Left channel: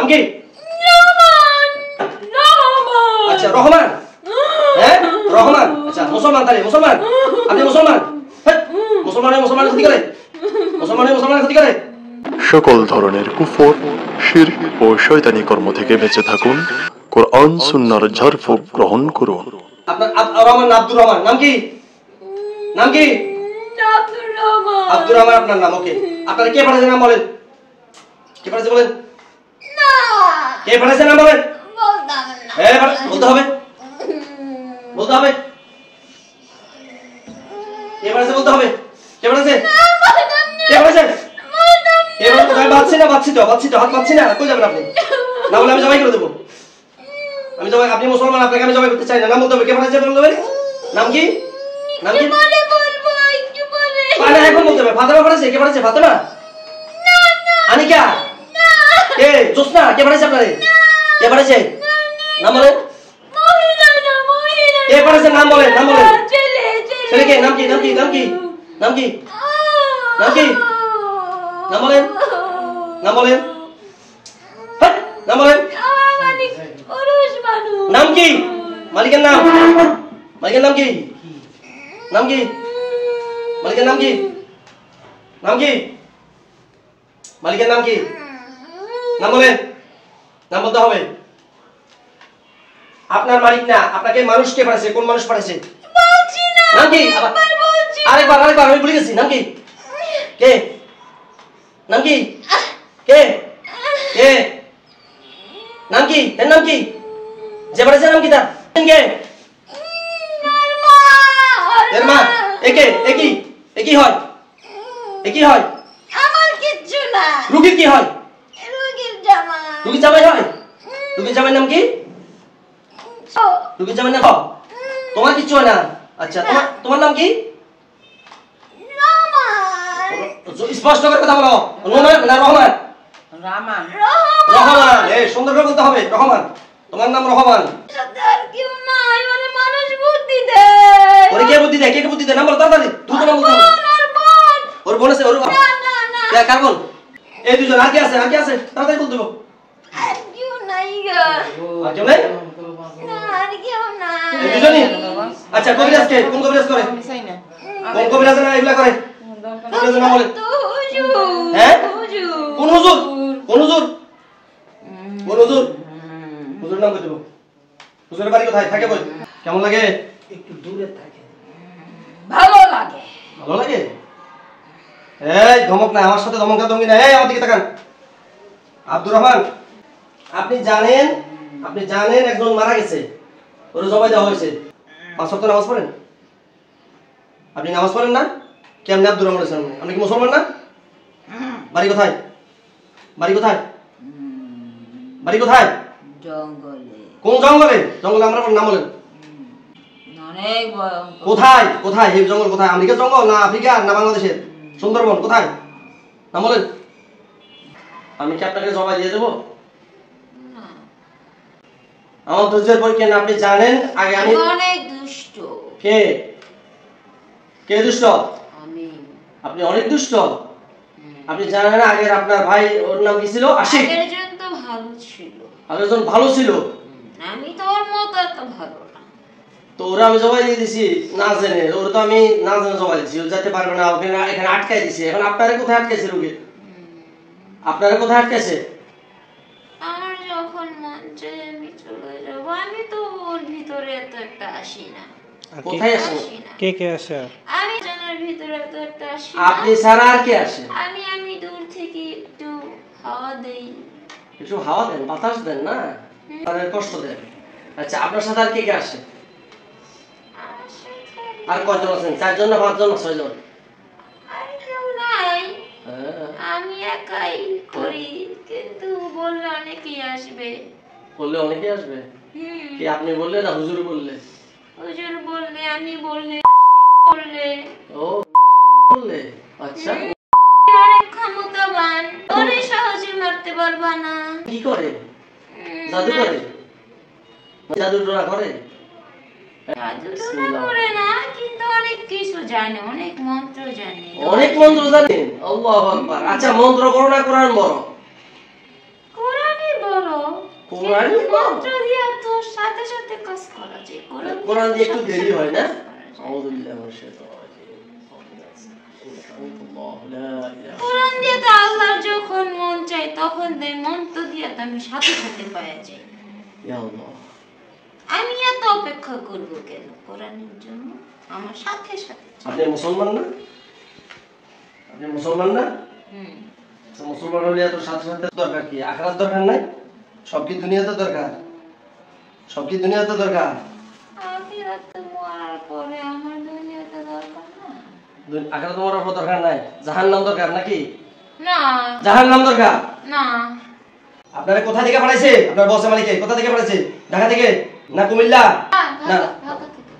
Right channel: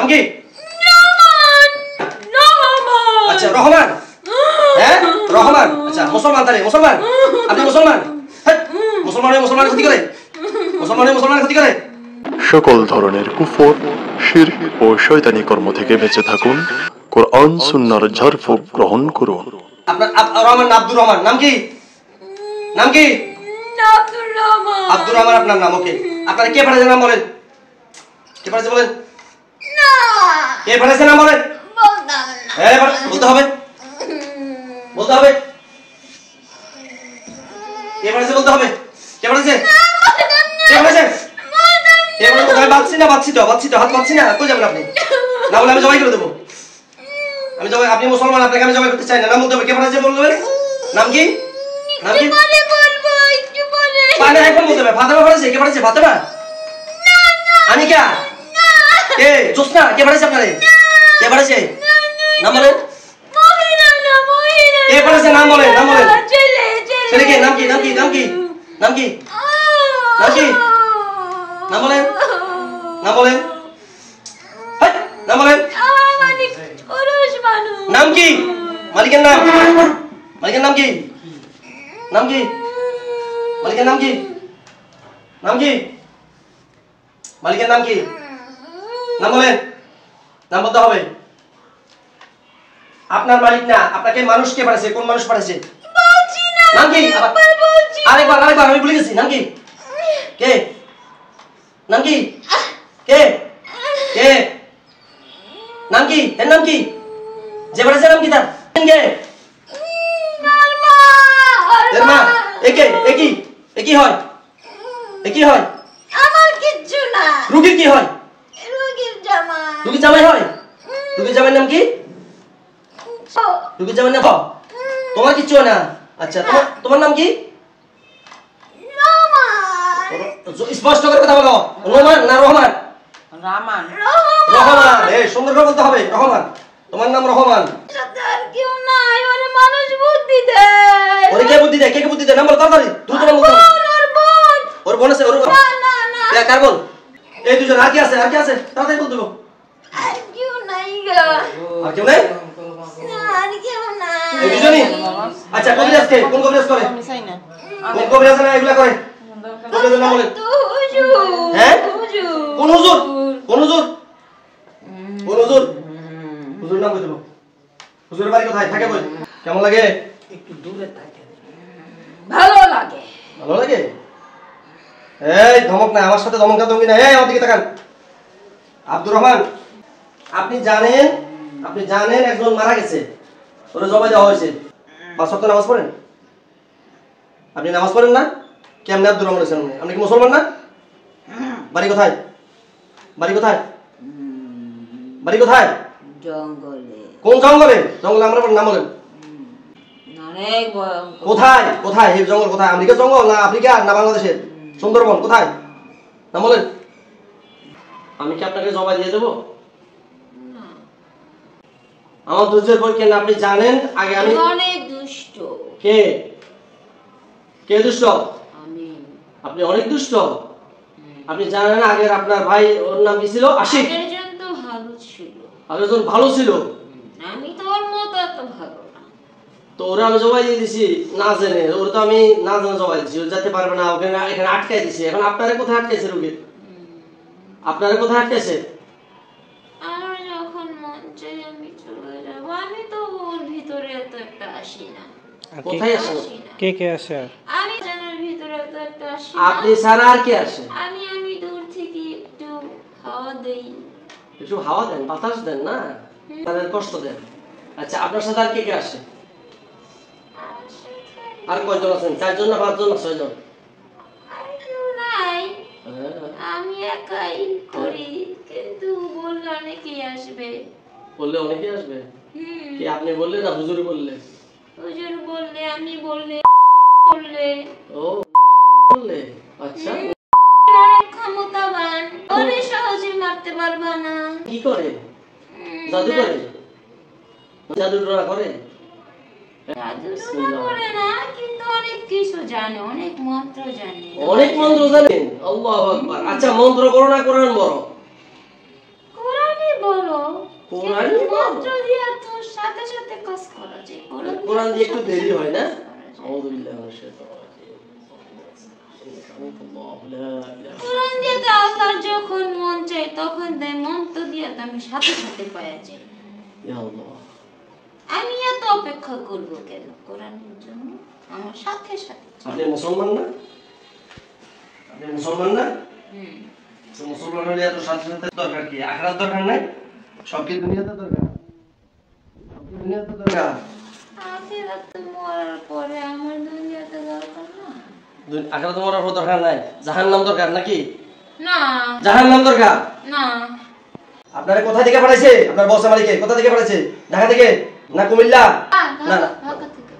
নাম কি? আচ্ছা রহমান। হ্যাঁ রহমান। আচ্ছা মুসলমান তাহলে মুসলমান। আপনি মুসলমান? মুসলমানের ক্ষতি করে? মুসলমানের ক্ষতি করে? সকল ধরনের কুফর, শিরক ও শয়তানি কর্ম থেকে বেঁচে থাকুন। কোরআন সুন্নাহর ঝাড়ফুঁক গ্রহণ করুন। আপনার রহমান না আব্দুর রহমান? নাম কি? নাম কি? আব্দুর রহমান আপনার নাম। ওকে, আপনারা কে পাঠাইছে নাম বলেন? কে পাঠাইছে বলেন? কে পাঠাইছে নাম বলেন? বলতে হবে, বলতে হবে। কে পাঠাইছে বলতে হবে। কে পাঠাইছে? কে পাঠাইছে? কে পাঠাইছে? আমি বাচ্চি না, বাচ্চি তো হাত বাচ্চি না। কই যাবেন আপনি? না বলে আমি জবাই করে দেবো। আমি জবাই, আপনি মুসলমান, আপনাকে আমি জবাই করতে চাই না। নাম বলতে হবে। কে পাঠাইছে বলবেন? নাম কি? নাম কি? পানা এখন বলতে হবে। ফাতেমা পাঠাইছে? কে পাঠাইছে? ফাতেমা? আনিকা? কে? জোসনা? কে পাঠাইছে আপনারে? কে পাঠাইছে? নাম বলেন। কে পাঠাইছে? নাম বলেন, নাম বলেন। ছেলে কে? নাম কি? নাম কি? নাম কি? নাম কি? নাম কি? নাম বলেন, নাম বলেন। হ্যাঁ নাম বলেন। নাম কি? মালিকের নাম? মালিকের নাম কি? নাম কি? মালিকের নাম কি? নাম কি? মালিকের নাম কি? নাম বলেন। নাম বলতে হবে। আপনার মালিক না, আপনাকে মানুষ কে পাঠাইছে? কোন মানুষ পাঠাইছে? নাম কি? আরেকবার আমি ভুলে গেছি। নাম কি? কে? নাম কি? কে? কে? নাম কি? এর নাম কি? যে পাঠাইছে নাম কি তার? কে? এর মা? একে একি একি হয়? একি হয়? আমার কিচ্ছু না। রুগী কি হয়? রুগীর জামাই। রুগীর জামাই হয়? রুগীর জামাইয়ের নাম কি? রুগীর জামাইয়ের নাম? তোমার কিচ্ছু হয় না? আচ্ছা তোমার নাম কি? স্পষ্ট করে কথা বলো। রহমান না রহমান? রহমান। রহমান। এই সুন্দর করে বলতে হবে। রহমান। তোমার নাম রহমান। আর কেউ নাই, মানে মানুষ বুদ্ধি দেয়। ওরে কে বুদ্ধি দেয়? কে বুদ্ধি দেয়? নাম বল তাড়াতাড়ি। তুই নাম বল। ওর বোন আছে? ওর বোন? না কার বল? এই দুজন। আর কি আছে? আর কি আছে? তাড়াতাড়ি বল দেবো। আর কেউ নাই গো। আর কেউ নেই? না আর কেউ নাই। এই দুজনই? আচ্ছা কবিরাজ কে? কোন কবিরাজ করে? আমি চাই না। কোন কবিরাজ না এগুলা করে? কবিরাজের নাম বলেন। তো হুজুর। হ্যাঁ? হুজুর। কোন হুজুর? কোন হুজুর? কোন হুজুর? হুজুর নাম কই দেবো? হুজুরের বাড়ি কোথায়? থাকে কই? কেমন লাগে? একটু দূরে থাকে। ভালো লাগে। ভালো লাগে? এই ধমক না, আমার সাথে ধমকা ধমকি না। এই আমার দিকে তাকান। আব্দুর রহমান, আপনি জানেন একজন মারা গেছে, ওরে জবাই দেওয়া হয়েছে। 5 ওয়াক্ত নামাজ পড়েন? আপনি নামাজ পড়েন না? কেমনে আব্দুর রহমান আছেন? আপনি কি মুসলমান না? বাড়ি কোথায়? বাড়ি কোথায়? বাড়ি কোথায়? জঙ্গলে। কোন জঙ্গলে? জঙ্গলে আমরা নাম বলেন। অনেক কোথায়? কোথায় এই জঙ্গল? কোথায়? আমেরিকার জঙ্গল না আফ্রিকা না বাংলাদেশের? সুন্দরবন কোথায়? নাম বলেন। আমি কি আপনাকে জবাই দিয়ে দেবো? আমার ধৈর্যের পরীক্ষা না। আপনি জানেন আগে আমি অনেক দুষ্ট। কে? কে দুষ্ট? আমি। আপনি অনেক দুষ্ট। আপনি জানেন আগে আপনার ভাই, ওর নাম কি ছিল? আশিক। আগের জন তো ভালো ছিল। আগের জন ভালো ছিল। আমি তোর মতো এত ভালো না। তো ওরা আমি জবাই দিয়ে দিছি না জেনে। ওর তো আমি না জেনে জবাই দিছি। ও যেতে পারবে না, ওকে এখানে আটকাই দিছি। এখন আপনারা কোথায় আটকাইছে? রোগী আপনারা কোথায় আটকাইছে? আমার যখন মন চাই আমি চলে যাব। আমি তো ওর ভিতরে এত একটা আসি না। কোথায় আসেন? কে কে আসে? আমি জানার ভিতরে এত একটা আসি না। আপনি ছাড়া আর কে আসে? আমি দূর থেকে একটু হাওয়া দেই। একটু হাওয়া দেন, বাতাস দেন না, তাদের কষ্ট দেন। আচ্ছা আপনার সাথে আর কে কে আসে? আর কয়জন আছেন? 4 জন না 5 জন? 6 জন? আর কেউ নাই। আমি একাই করি, কিন্তু বললে অনেকেই আসবে। বললে অনেকে আসবে? কি আপনি বললে না হুজুর বললে? হুজুর বললে, আমি বললে, বললে। ও বললে? আচ্ছা অনেক ক্ষমতাবান, ওরে সহজে মারতে পারবা না। কি করে? জাদু করে? জাদু টোনা করে? জাদু করে না, কিন্তু অনেক কিছু জানে, অনেক মন্ত্র জানে। অনেক মন্ত্র জানেন? আল্লাহু আকবার। আচ্ছা মন্ত্র বড় না কোরআন বড়? কোরআনই বড়। কোরআন মন্ত্র দিয়ে তো সাথে সাথে কাজ করা যায়। কোরআন দিয়ে একটু সাথে দেরি সাথে হয় না? কাজ করা যায়। আউযু বিল্লাহি মিনাশ শাইতানির রাজীম। আল্লাহু লা ইলাহা কোরআন দিয়ে তো আল্লাহ যখন মন চায় তখন দেয়, মন্ত্র দিয়ে তো আমি সাথে সাথে পাওয়া যাই। ইয়া আল্লাহ। আমি এত অপেক্ষা করবো কেন কোরআনের জন্য? আমার সাথে সাথে চাই। আপনি মুসলমান না? আপনি মুসলমান না? হুম। তো মুসলমান হলে এত সাথে সাথে দরকার কি? আখিরাত দরকার নাই? সব কি দুনিয়াতে দরকার? সব কি দুনিয়াতে দরকার? আখিরাত তো মরার পরে আমার দুনিয়াতে দরকার না। আখিরাত মরার পর দরকার নাই, জাহান্নাম দরকার নাকি? না জাহান্নাম দরকার। না। আপনারা কোথা থেকে পাঠাইছে? আপনার বস মালিকে কোথা থেকে পাঠাইছে? ঢাকা থেকে না কুমিল্লা? না ঢাকা থেকে।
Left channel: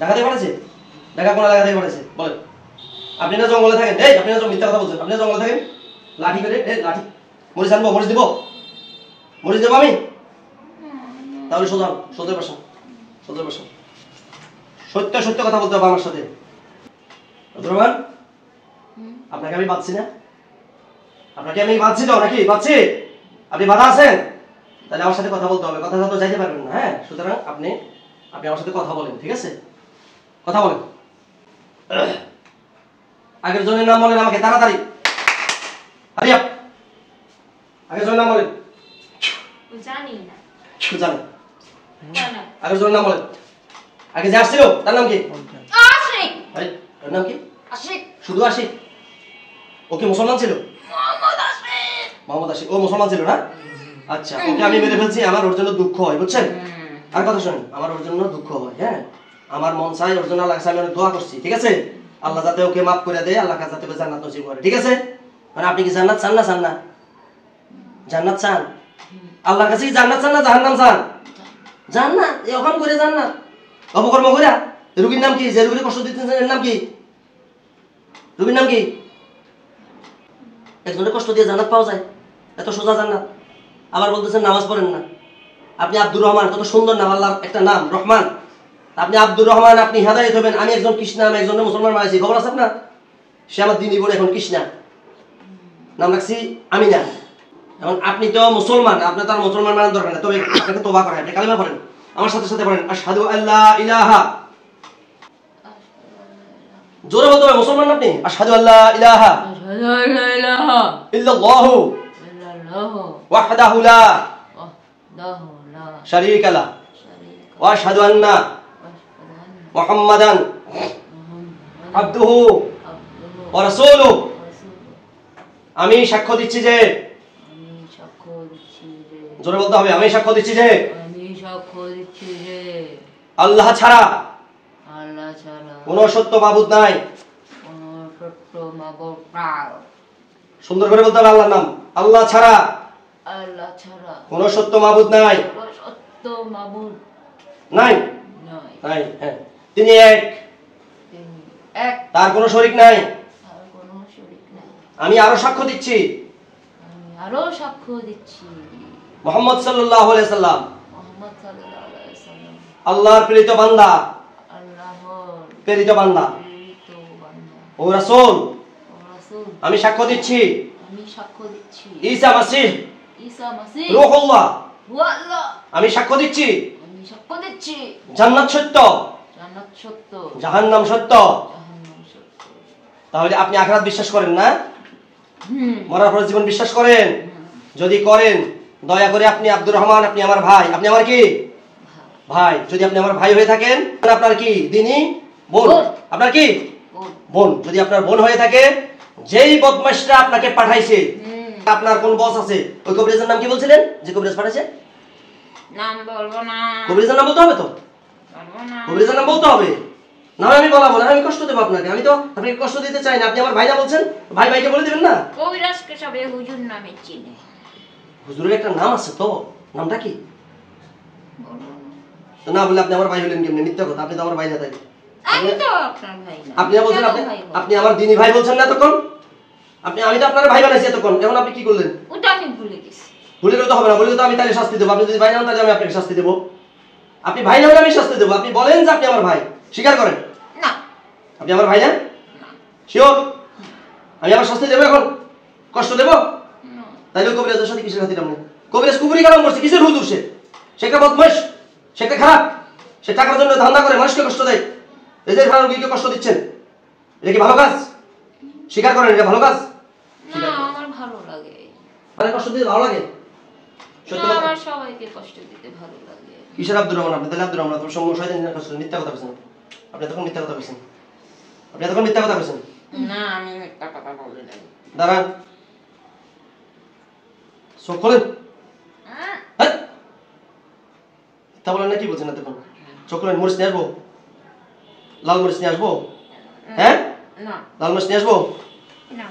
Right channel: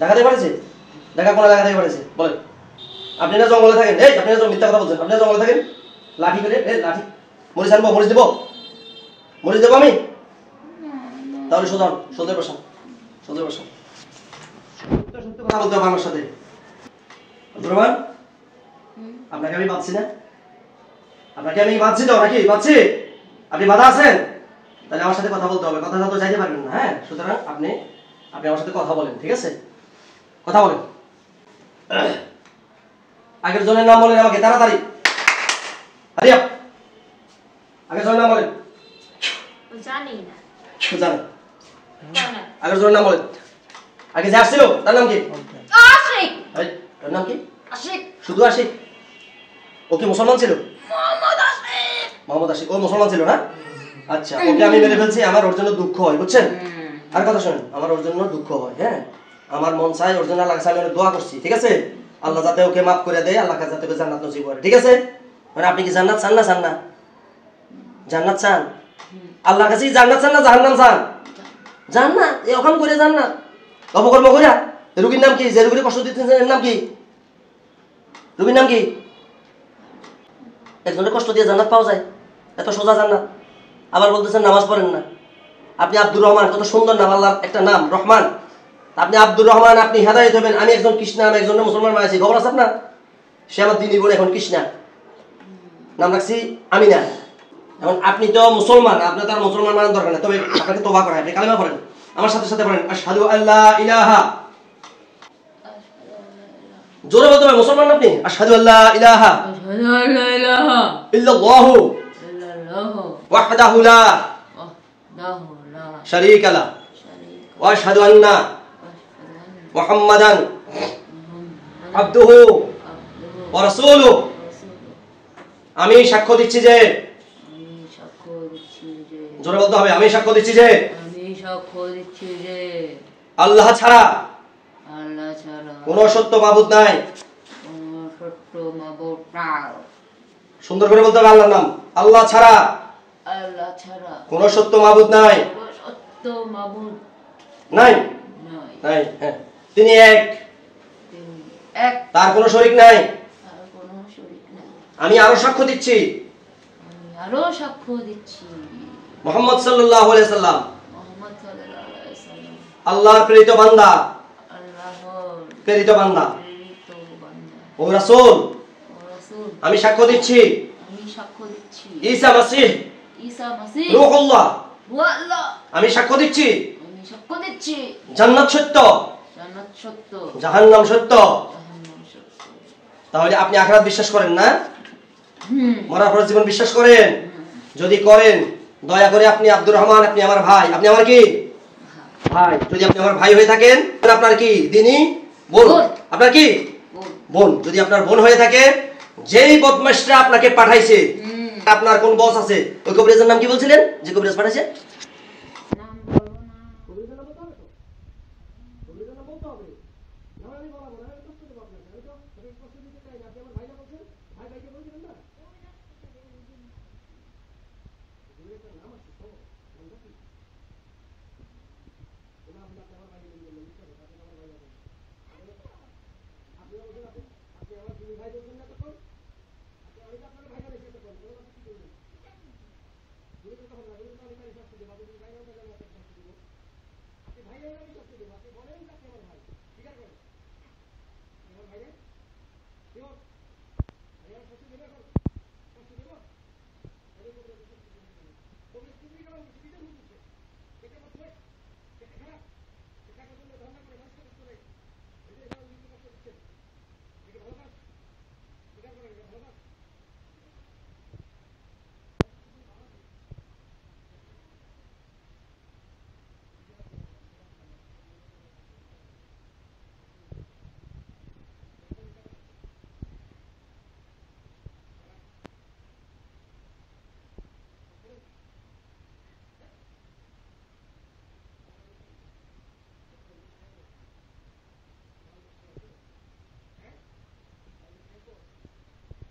ঢাকা থেকে পাঠাইছে? ঢাকা কোন এলাকা থেকে পাঠাইছে বলেন? আপনি না জঙ্গলে থাকেন? এই আপনি না মিথ্যা কথা বলছেন। আপনি না জঙ্গলে থাকেন? লাঠি করে লাঠি মরিচ আনবো? মরিচ দেবো? মরিচ দেবো আমি? তাহলে সোজান সোজা বসান, সোজা বসান। সত্য সত্য কথা বলতে হবে আমার সাথে। আব্দুর আপনাকে আমি বাঁধছি না? আপনাকে আমি বাঁধছি তো নাকি? বাঁধছি? আপনি বাধা আছেন? তাহলে আমার সাথে কথা বলতে হবে। কথা তো চাইতে পারবেন না। হ্যাঁ, সুতরাং আপনি আমার সাথে কথা বলেন, ঠিক আছে? কথা বলেন। আগের জনের নাম বলেন আমাকে তাড়াতাড়ি। আরে আগের জনের নাম বলেন। জানি না। জানেন? জানা। আগের জনের নাম বলেন। আগে যে আসছিল তার নাম কি? আশিক। এই তার নাম কি? আশিক। শুধু আশিক? ও কি মুসলমান ছিল? মোহাম্মদ আশিক। মোহাম্মদ আশিক ও মুসলমান ছিল না? আচ্ছা, ওকে আমি মেরে ফেলছি, আমার ওর জন্য দুঃখ হয়, বুঝছেন? আর কথা শুনেন, আমার ওর জন্য দুঃখ হয়। হ্যাঁ, আমার মন চাই ওর জন্য আল্লাহর কাছে আমি দোয়া করছি, ঠিক আছে? আল্লাহ যাতে ওকে মাফ করে দেয়, আল্লাহ কাছে যাতে ওকে জান্নাত নসিব করে, ঠিক আছে? মানে আপনি কি জান্নাত চান না? চান না? জান্নাত চান? আল্লাহর কাছে কি জান্নাত চান না জাহান্নাম চান? জান্নাত। এই ওখান করে জান্নাত অপকর্ম কইরা। রোগীর নাম কি? যে রোগীর কষ্ট দিতেছেন এর নাম কি? রোগীর নাম কি? একজনের কষ্ট দিয়ে জান্নাত পাওয়া যায়? এত সোজা জান্নাত? আবার বলতেছেন নামাজ পড়েন না। আপনি আব্দুর রহমান, কত সুন্দর নাম, আল্লাহর একটা নাম রহমান। আপনি আব্দুর রহমান, আপনি হেদায়েত হবেন। আমি একজন কৃষ্ণা, আমি একজন মুসলমান মানেছি, খবর আছে আপনার? সে আমার দিনই বলে এখন কৃষ্ণা, নাম রাখছি আমি না। এখন আপনি তো মুসলমান, আপনি তো আর মুসলমান মানার দরকার না। তবে আপনাকে তওবা করেন, আপনি কালিমা পড়েন, আমার সাথে সাথে পড়েন আশহাদু আল্লা ইলাহা। জোরে বলতে হবে, মুসলমান আপনি। আশহাদু আল্লা ইলাহা আশহাদু আল্লা ইলাহা ইল্লাল্লাহু ইল্লাল্লাহু ওয়াহদাহু লা ওয়াহদাহু লা শারীকা লাহু শারীকা ওয়া আশহাদু আন্না মুহাম্মাদান আবদুহু ওয়া রাসূলুহু। আমি সাক্ষ্য দিচ্ছি যে, আমি সাক্ষ্য দিচ্ছি যে, জোরে বলতে হবে, আমি সাক্ষ্য দিচ্ছি যে আমি সাক্ষ্য দিচ্ছি যে আল্লাহ ছাড়া আল্লাহ ছাড়া কোনো সত্য মাবুদ নাই। কোনো সত্য মাবুদ নাই। সুন্দর করে বলতে হবে আল্লাহর নাম। আল্লাহ ছাড়া আল্লাহ ছাড়া কোনো সত্য মাবুদ নাই। কোনো সত্য মাবুদ নাই নাই। নাই হ্যাঁ, তিনি এক, তিনি এক, তার কোনো শরীক নাই। আর কোনো শরীক নাই। আমি আরো সাক্ষ্য দিচ্ছি, আমি আরো সাক্ষ্য দিচ্ছি মুহাম্মদ সাল্লাল্লাহু আলাইহি সাল্লাম মুহাম্মদ সাল্লাল্লাহু আলাইহি সাল্লাম আল্লাহর প্রেরিত বান্দা, আল্লাহর প্রেরিত বান্দা প্রেরিত বান্দা ও রাসূল। ও রাসূল। আমি সাক্ষ্য দিচ্ছি আমি সাক্ষ্য দিচ্ছি ঈসা মাসীহ ঈসা মাসীহ রূহুল্লাহ। ওয়া আল্লাহ। আমি সাক্ষ্য দিচ্ছি আমি সাক্ষ্য দিচ্ছি জান্নাত সত্য, জান্নাত সত্য, জাহান্নাম সত্য। জাহান্নাম সত্য। তাহলে আপনি আখিরাত বিশ্বাস করেন না? হুম। মরার পরে জীবন বিশ্বাস করেন? যদি করেন, দয়া করে আপনি আব্দুর রহমান, আপনি আমার ভাই। আপনি আমার কি ভাই? যদি আপনি আমার ভাই হয়ে থাকেন, আপনার কি দিনী বোন? আপনার কি বোন? যদি আপনার বোন হয়ে থাকে, যেই বদমাশরা আপনাকে পাঠাইছে, আপনার কোন বস আছে? ওই কবিরাজের নাম কি বলছিলেন যে কবিরাজ পাঠাইছে? নাম বলবো না। কবিরাজের নাম বলতে হবে তো, বলবো না। কবিরাজের নাম বলতে হবে। না আমি বলাবো না, আমি কষ্ট দেবো আপনাকে। আমি তো আপনাকে কষ্ট দিতে চাই না। আপনি আমার ভাই না বলছেন, ভাই ভাইকে বলে দিবেন না? কবিরাজকে সবাই হুজুর নামে চিনে। হুজুরের একটা নাম আছে তো, নামটা কি? বলবো না। তো না বলে আপনি আমার ভাই হলেন কেমনে? মিথ্যা কথা, আপনি তো আমার ভাই না। তাই আমি তো আপনার ভাই না। আপনি বলছেন, কেন আপনি ভাই বলবো? আপনি আমার দিনী ভাই বলছেন না এতক্ষণ? আমি তো আপনার ভাই বানাইছি এতক্ষণ, এখন আপনি কি করলেন? ওটা আমি ভুলে গেছি। ভুলে গেলে তো হবে না, বলে তো আমি তাহলে শাস্তি দেবো। আপনি যদি ভাই না হন তাহলে আমি আপনাকে শাস্তি দেবো। আপনি ভাই না হলে আমি শাস্তি দেবো। আপনি বলেন যে আপনি আমার ভাই, স্বীকার করেন না। আপনি আমার ভাই না? শিওর? আমি আবার শাস্তি দেবো এখন? কষ্ট দেবো? না। তাইলে কবিরাজের সাথে কিসের খাতির আপনি? কবিরাজ কুফরি কালাম করছে, কিসের হুজুর সে? সে একটা বদমাইশ, সে একটা খারাপ, সে টাকার জন্য ধান্দা করে মানুষকে কষ্ট দেয়। এই যে রোগীকে কষ্ট দিচ্ছেন, এটা কি ভালো কাজ? স্বীকার করেন এটা ভালো কাজ? না আমার ভালো লাগে। মানে কষ্ট দিতে ভালো লাগে? সত্য না কথা। আমার সবাইকে কষ্ট দিতে ভালো লাগে। কিসের আব্দুর রহমান? আপনি তাহলে আব্দুর রহমান আপনার সঙ্গে শয়তানের কষ্ট মিথ্যা কথা বলছেন। আপনি তখন মিথ্যা কথা বলছেন, আপনি তখন মিথ্যা কথা বলছেন। না আমি মিথ্যা কথা বলি নাই। দাঁড়ান, চোখ খোলেন। হ্যাঁ, তা বলেন না, কি বলছেন না তখন? চোখ খোলেন। মরিচ নিয়ে আসবো? লাল মরিচ নিয়ে আসবো? হ্যাঁ, না লাল মরিচ নিয়ে আসবো? না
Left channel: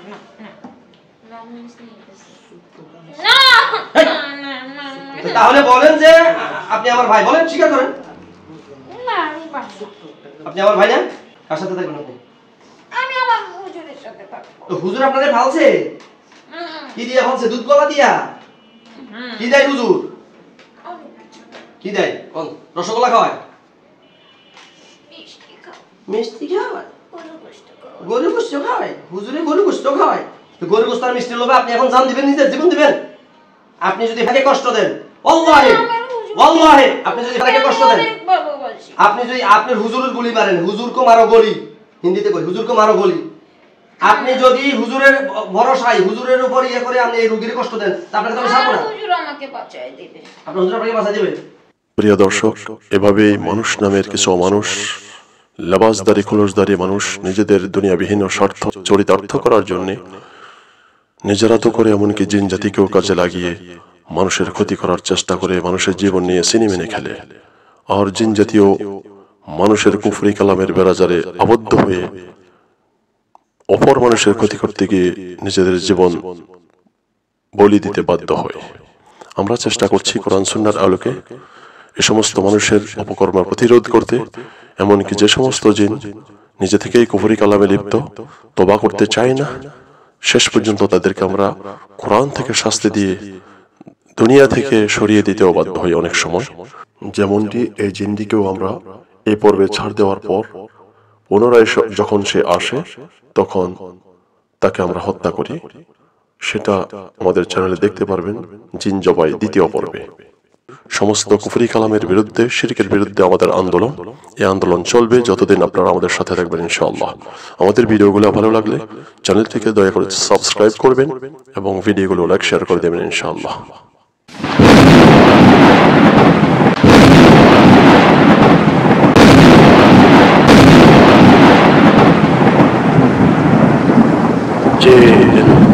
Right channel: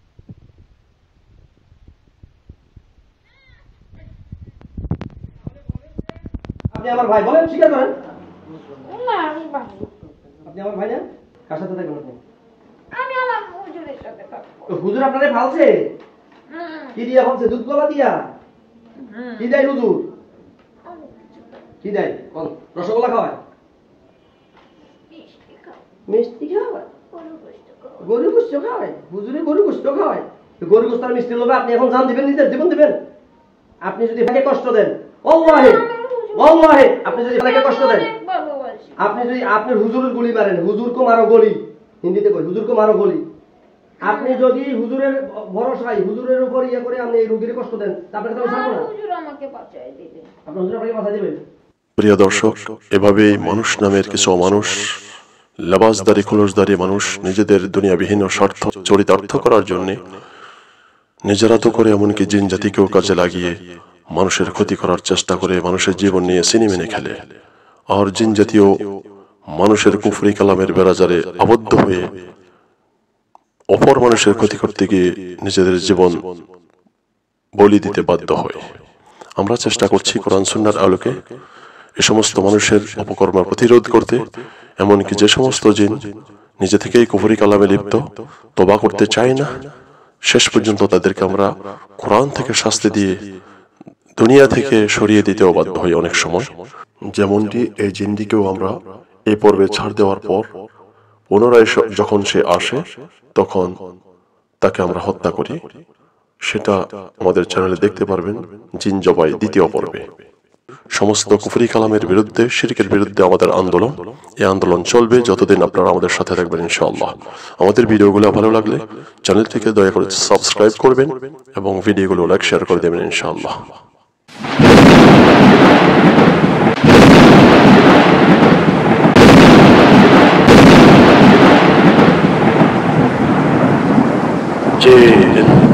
না না তাহলে বলেন যে আপনি আমার ভাই, বলেন, স্বীকার করেন। না আমি বাসি। আপনি আমার ভাই না? কার সাথে থাকবেন আপনি? আমি আমার হুজুরের সাথে থাকবো। তো হুজুর আপনাদের ভালছে? কি দিয়া ভালছে? দুধ কলা দিয়া? কি দেয় হুজুর? কি দেয়? কোন রসগোল্লা খাওয়ায়? মিষ্টি খাও, মিষ্টি খাওয়ায়? গরু গোশত খাও। গরু গোশত খাওয়ায়? হুজুরে গরু গোশত খাওয়ায়? তো গরু গোশত আর মিষ্টির লোভে আপনি এখন জান দিবেন, নিজের জীবন দিবেন? আপনি যদি তাকে কষ্ট দেন, আল্লাহে আল্লাহে, আপনি যদি তাকে কষ্ট দেন, অনেক ভালোবাসি। আপনি যদি আপনার হুজুরের গুলি মারেন, হুজুর কো মারো গলি, হিন্দিতে কই হুজুর কো মারো গলি, আপনি যদি হুজুরের ভরসায় হুজুরের উপর ইয়ে করে আপনি এই রোগীর কষ্ট দেন, তা আপনাকে তো আমি ছাড়বো না। আমার হুজুর আমাকে বাঁচায় দিবে। আপনার হুজুর আপনাকে বাঁচাই দেবে। প্রিয় দর্শক, এভাবেই মানুষ নামের কিছু মানুষ, লেবাসদারি খোলসদারি মানুষ নিজেদের দুনিয়াবিহীন স্বার্থ চরিতার্থ করার জন্যে নিজেরা তো করে, এমনকি জিন জাতিকেও কাজে লাগিয়ে মানুষের ক্ষতি করার চেষ্টা করে, মানুষের জীবন নিয়ে সিনেমেনে খেলে। আর জিন জাতীয় মানুষের কুফরি কালামের বেড়াজারে আবদ্ধ হয়ে অপর মানুষের ক্ষতি করতে গিয়ে নিজেদের জীবন বলি দিতে বাধ্য হয়। আমরা চেষ্টা করছি কোরআন সুন্নাহর আলোকে এ সমস্ত মানুষের অপকর্ম প্রতিরোধ করতে, এমনকি যে সমস্ত জিন নিজে থেকেই কুফরি কালামে লিপ্ত, তওবা করতে চায় না, শেষ পর্যন্ত তাদেরকে আমরা কোরআন থেকে শাস্তি দিয়ে দুনিয়া থেকে সরিয়ে দিতেও বাধ্য হই অনেক সময়। যেমনটি এই জিনটিকেও আমরা এই পর্বে ছাড় দেওয়ার পর পুনরায় যখন সে আসে তখন তাকে আমরা হত্যা করি। সেটা আমাদের চ্যানেলে দেখতে পারবেন, জিন জবাই দ্বিতীয় পর্বে। সমস্ত কুফরি কালামের বিরুদ্ধে, শিরকের বিরুদ্ধে আমাদের আন্দোলন, এই আন্দোলন চলবে যতদিন আপনারা আমাদের সাথে থাকবেন ইনশাআল্লাহ। আমাদের ভিডিওগুলো ভালো লাগলে চ্যানেলটিকে দয়া করে সাবস্ক্রাইব করবেন এবং ভিডিওগুলো লাইক শেয়ার করে দেবেন ইনশাআল্লাহ।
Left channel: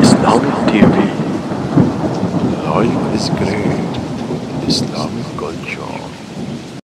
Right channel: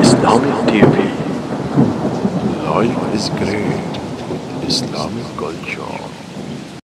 Islamic TV. Life is great with Islamic culture.